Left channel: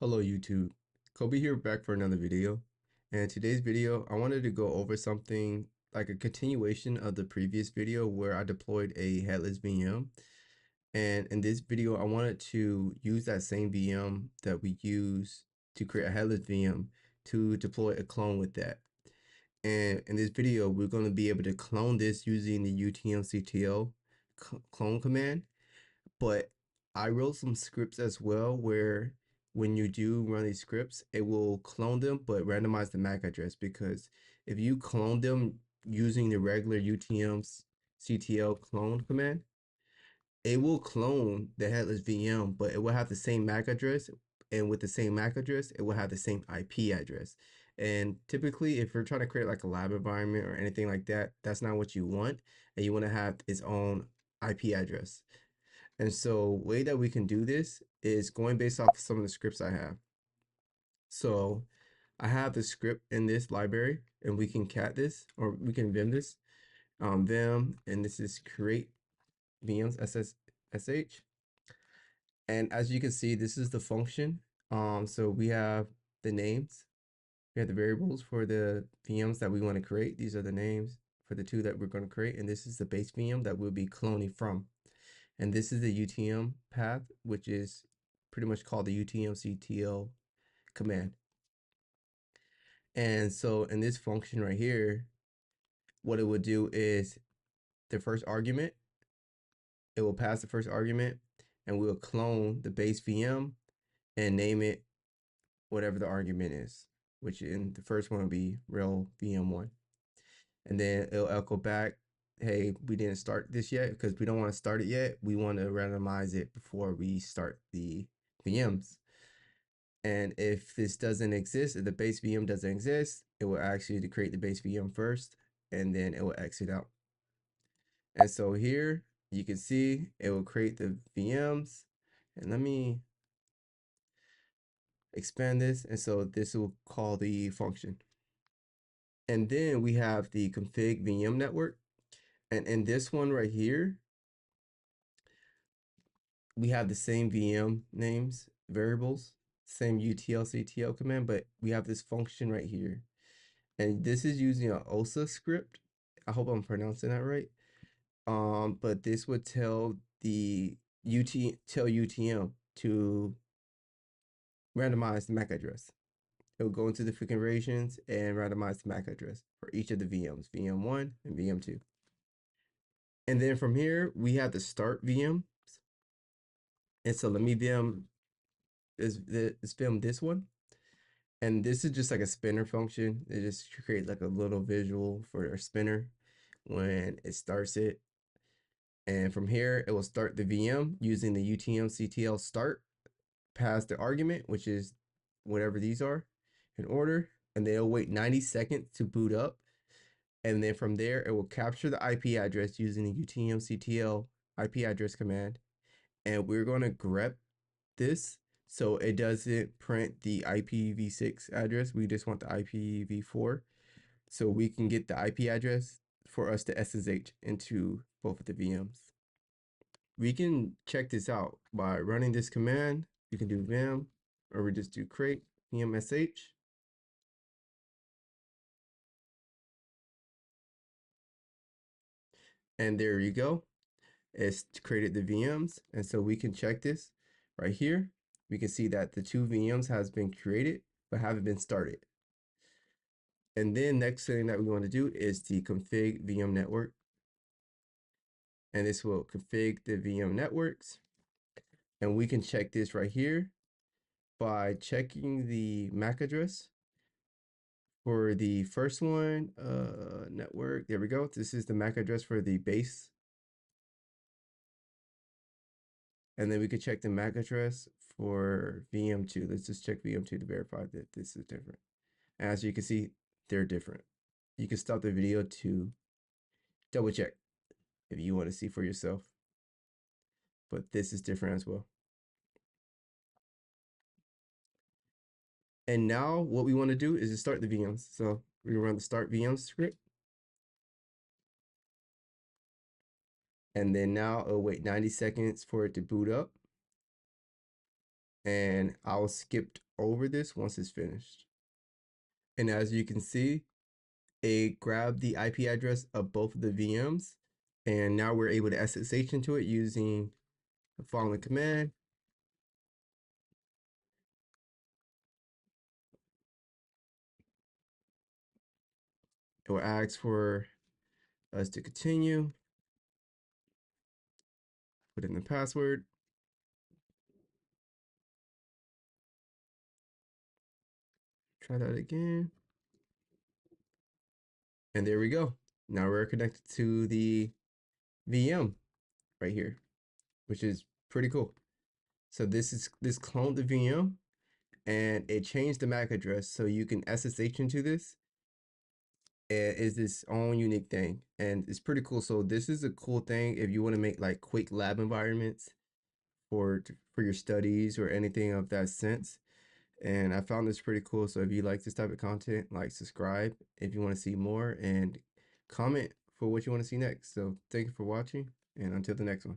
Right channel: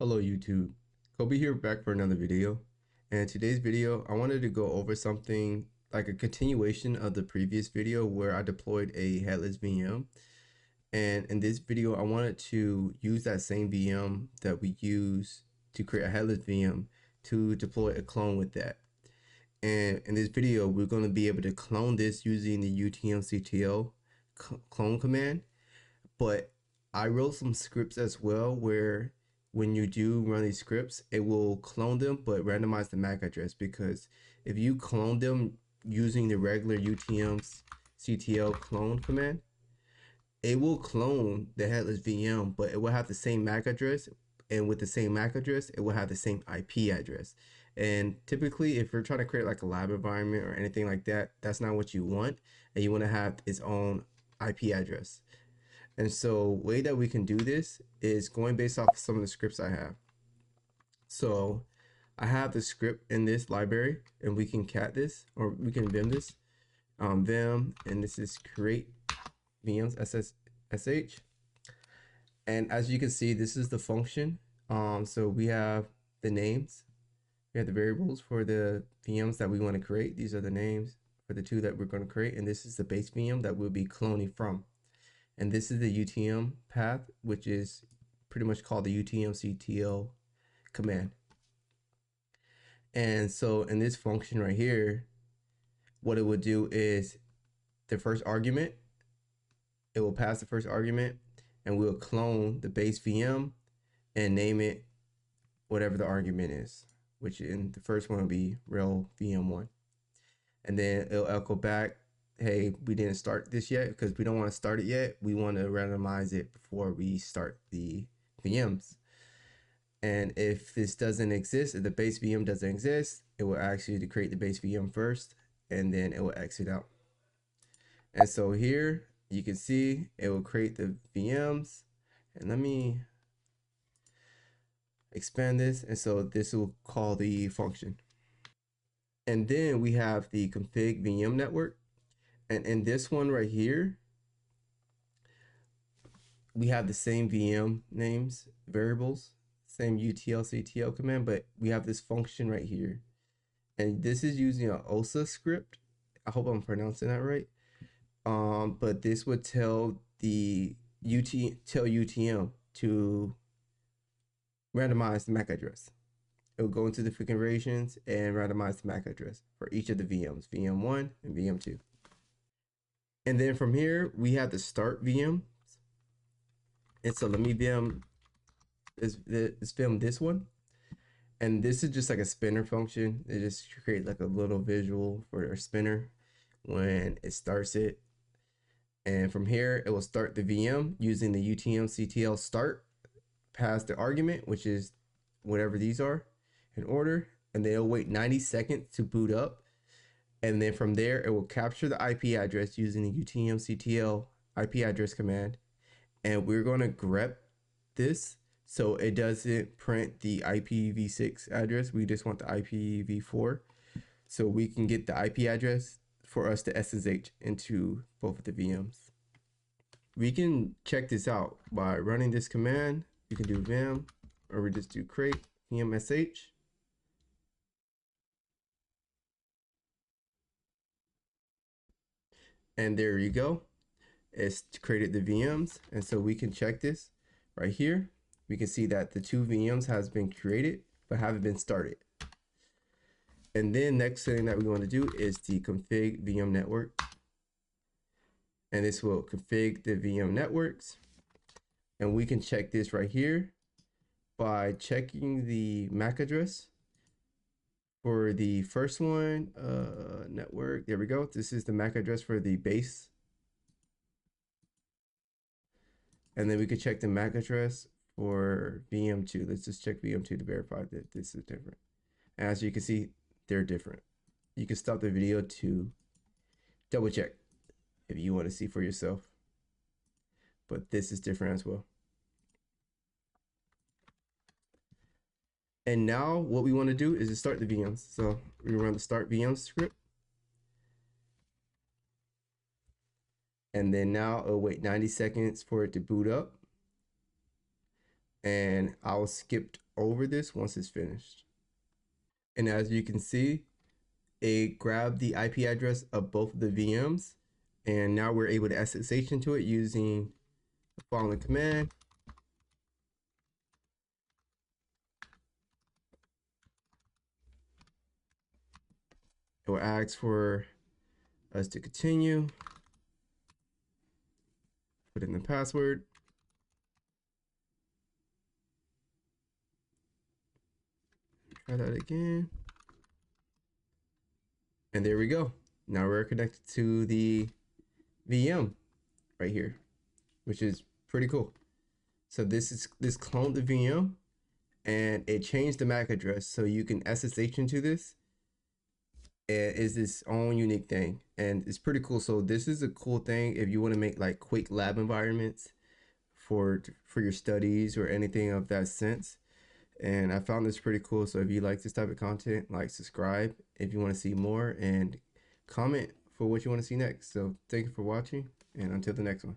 Hello YouTube, Kobe here back for another video. And today's video, I wanted to go over something like a continuation of the previous video where I deployed a headless VM. And in this video, I wanted to use that same VM that we use to create a headless VM to deploy a clone with that. And in this video, we're going to be able to clone this using the utmctl clone command. But I wrote some scripts as well where when you do run these scripts, it will clone them but randomize the MAC address, because if you clone them using the regular utmctl clone command, it will clone the headless VM, but it will have the same MAC address, and with the same MAC address, it will have the same IP address. And typically, if you're trying to create like a lab environment or anything like that, that's not what you want, and you want to have its own IP address. And so way that we can do this is going based off some of the scripts I have. So I have the script in this library, and we can cat this, or we can vim this. Vim, and this is create vms sh. And as you can see, this is the function. So we have the names, we have the variables for the VMs that we want to create. These are the names for the two that we're going to create, and this is the base VM that we'll be cloning from. And this is the UTM path, which is pretty much called the utmctl command. And so in this function right here, what it will do is the first argument, it will pass the first argument, and we'll clone the base VM and name it whatever the argument is, which in the first one will be rel VM1. And then it'll echo back, hey, we didn't start this yet because we don't want to start it yet. We want to randomize it before we start the VMs. And if this doesn't exist, if the base VM doesn't exist, it will ask you to create the base VM first, and then it will exit out. And so here you can see it will create the VMs. And let me expand this. And so this will call the function. And then we have the config VM network. And in this one right here, we have the same VM names, variables, same utlctl command, but we have this function right here. And this is using an OSA script. I hope I'm pronouncing that right. But this would tell the UTM to randomize the MAC address. It will go into the configurations and randomize the MAC address for each of the VMs, VM1 and VM2. And then from here, we have the start VMs. And so let me vim this one. And this is just like a spinner function. It just create like a little visual for a spinner when it starts it. And from here, it will start the VM using the utmctl start, pass the argument, which is whatever these are in order, and then it'll wait 90 seconds to boot up. And then from there, it will capture the IP address using the utmctl IP address command. And we're going to grep this so it doesn't print the IPv6 address. We just want the IPv4 so we can get the IP address for us to SSH into both of the VMs. We can check this out by running this command. You can do vim, or we just do create vmsh. And there you go. It's created the VMs. And so we can check this right here. We can see that the two VMs has been created but haven't been started. And then next thing that we want to do is the config VM network. And this will config the VM networks. And we can check this right here by checking the MAC address for the first one, network. There we go. This is the MAC address for the base. And then we could check the MAC address for VM2. Let's just check VM2 to verify that this is different. And as you can see, they're different. You can stop the video to double check if you want to see for yourself. But this is different as well. And now what we want to do is to start the VMs. So we run the start VM script. And then now it'll wait 90 seconds for it to boot up. and I'll skip over this once it's finished. And as you can see, it grabbed the IP address of both of the VMs, and now we're able to SSH into it using the following command. It will ask for us to continue, put in the password, try that again, and there we go. Now we're connected to the VM right here, which is pretty cool. So this cloned the VM, and it changed the MAC address so you can SSH into this. And it's its own unique thing, and it's pretty cool. So this is a cool thing if you want to make like quick lab environments for your studies or anything of that sense. And I found this pretty cool. So if you like this type of content, like, subscribe if you want to see more, and comment for what you want to see next. So thank you for watching, and until the next one.